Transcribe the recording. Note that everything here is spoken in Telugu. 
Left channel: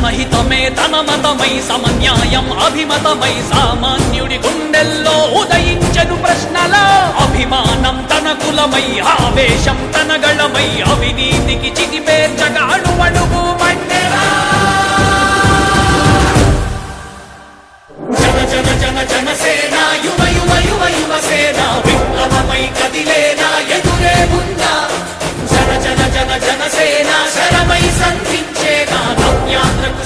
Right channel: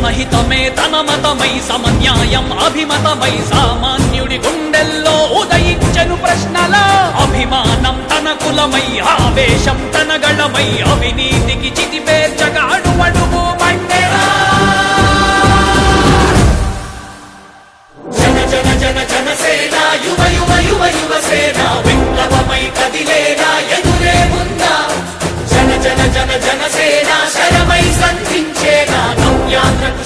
జనహితమే తన మతమై సమన్యాయం అభిమతమై సామాన్యుడి గుండెల్లో ఉదయించెను ప్రశ్నల అభిమానం తన కులమై ఆవేశం తన గళమై అవినీతికి చితిపేర్చగా అణువణువు మండెరా జన జన జన జనసేన యువ యువ యువ యువసేన విప్లవమై కదిలేనా ఎదురే ఉందా జన జన జన జనసేన శరమై సంధించేనా నవ్యాంధ్రకు